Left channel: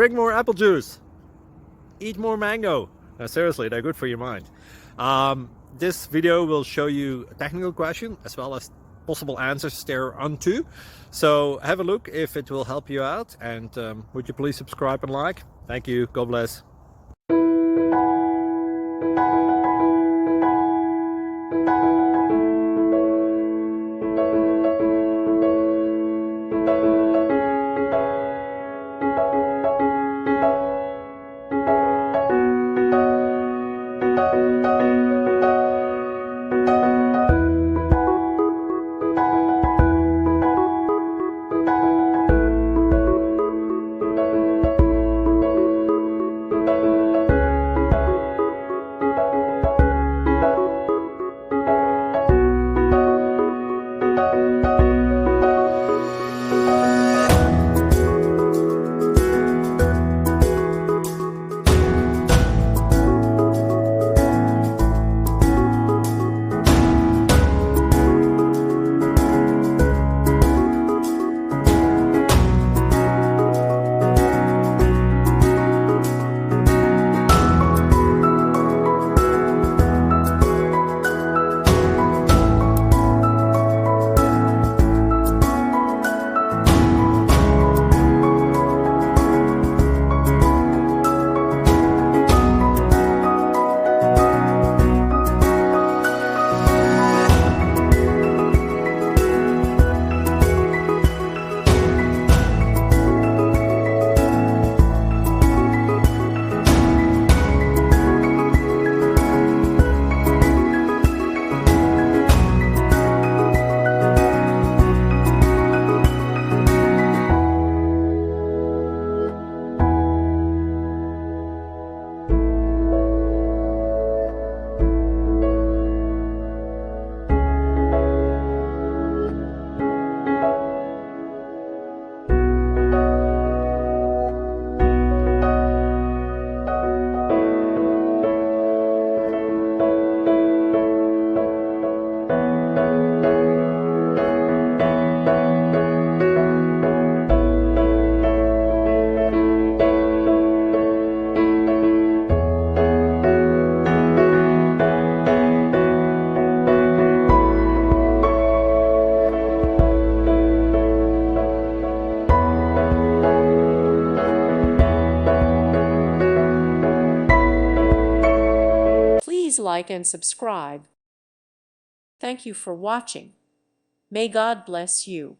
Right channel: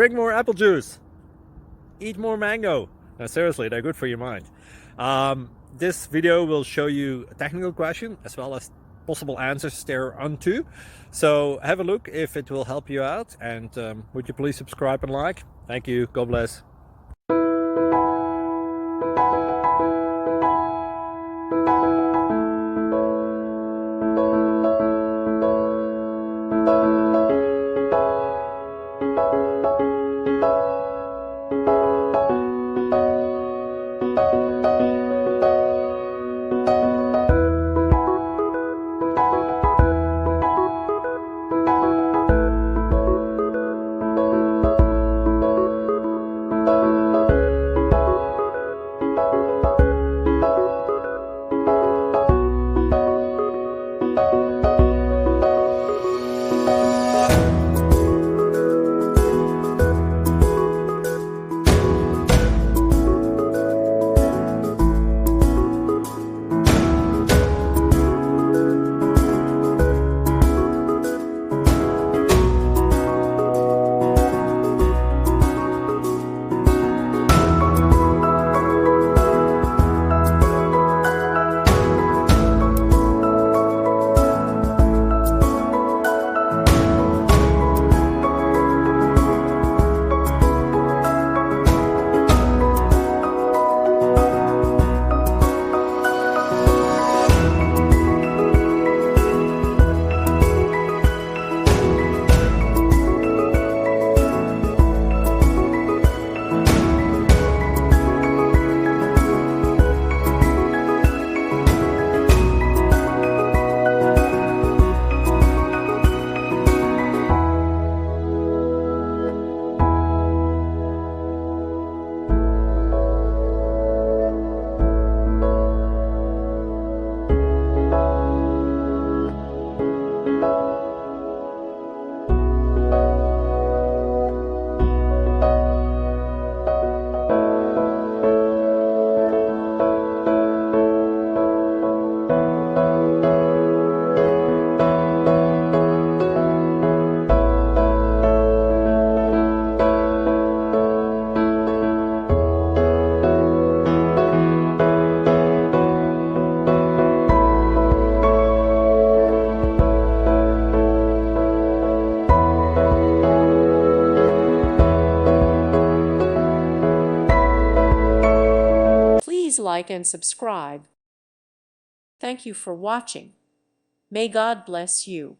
Drink more apple juice. Eat more mango. No, seriously, they're good for your mind. This video will show you a technical question as well as possible answers thereunto. So have a look if it will help you out, and would you please subscribe and like? Thank you. God bless. Please like and subscribe. Thank you for watching. May God bless you.